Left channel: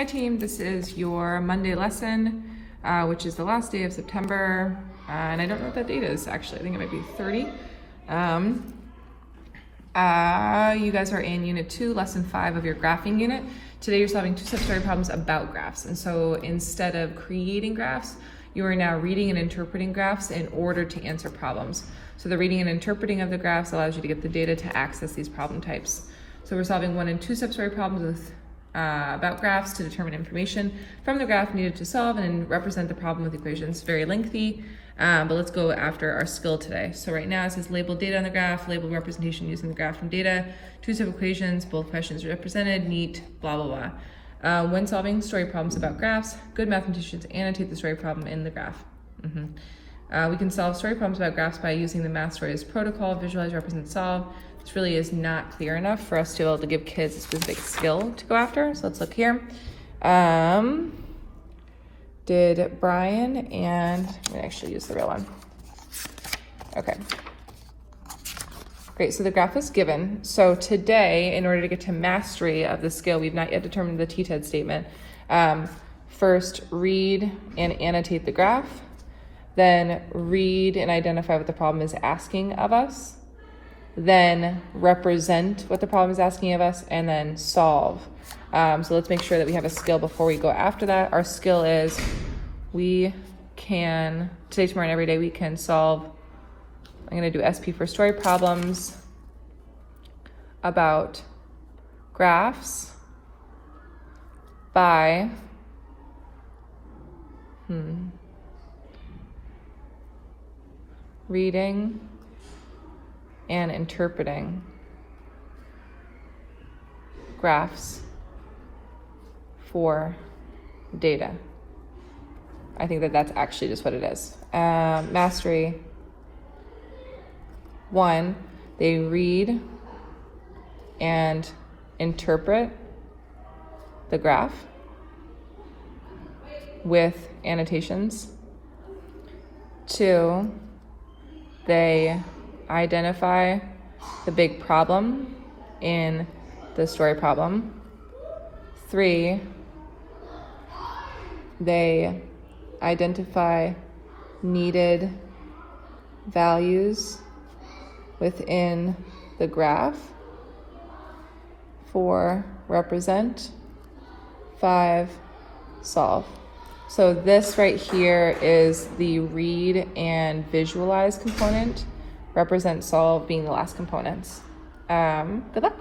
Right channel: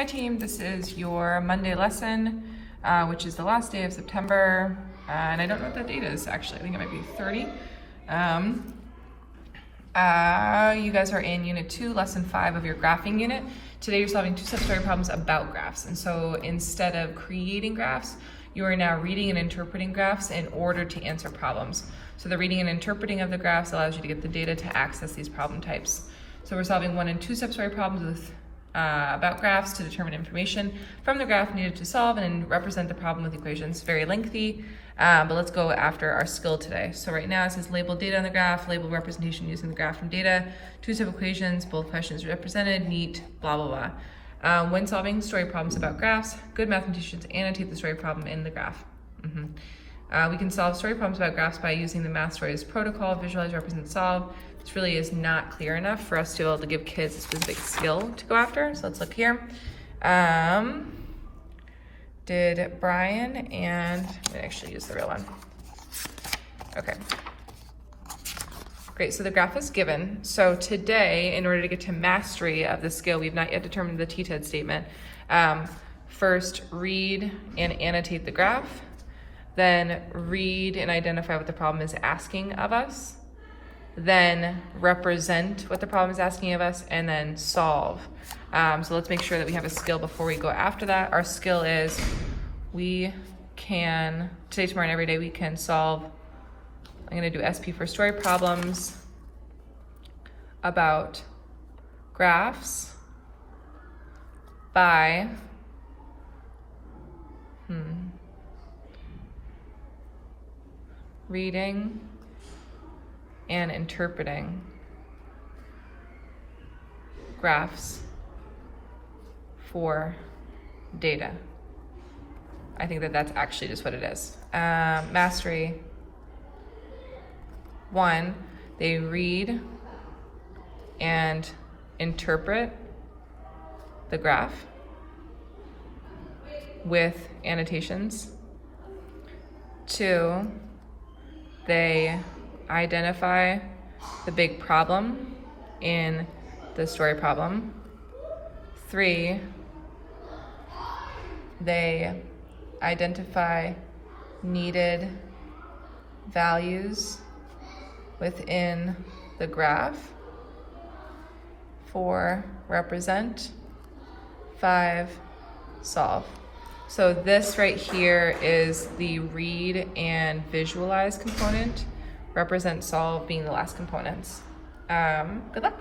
Hi team, this is your Monday lesson, which is the last day of September, and I don't know what that date is actually. I think it might be 30. You guys are in Unit 2, Lesson 5 of your graphing unit. Today you're solving two-step story problems about graphs, and so instead of creating graphs, you are now reading and interpreting graphs in order to answer problems. So the reading and interpreting of the graphs allows you to get the data to access these problem types. So we're solving one and two-step story problems with about graphs to determine information from the graph needed to solve and represent the problem with equations. Very lengthy, but let's go after our skill today. So right now it says label data on the graph, label representation using the graph from data, two-step equations, both questions represented, neat, blah, blah, blah. When solving story problems about graphs, good mathematicians annotate the story problem in the graph. We can solve story problems about graphs by using the Math Stories protocol, visualize, represent, solve. This really is not clear enough for us to be able to give kids a specific skill to go after. So let's look here. Did Brian and, I'm gonna actually use the real one. Okay. Great, so the graph is given. So today, in order to get to mastery of the skill, we've not yet determined the TTED statement. First, read and annotate the graph. Then read and identify what the problem is asking of us. Then represent what the problem is asking of us, and then solve. So let's make sure that we have a skill before we go after that. Our skill is we can, today, tomorrow, and every day, we can solve, I'm gonna do SP for story problems about graphs by reading and interpreting graphs for data. I think that that's actually just what it is. Mastery 1, they read and interpret the graph with annotations. 2, they identify the big problem in the story problem. 3, they identify needed values within the graph. 4, represent. 5, solve. So this right here is the read and visualize component, represent, solve being the last components. Good luck.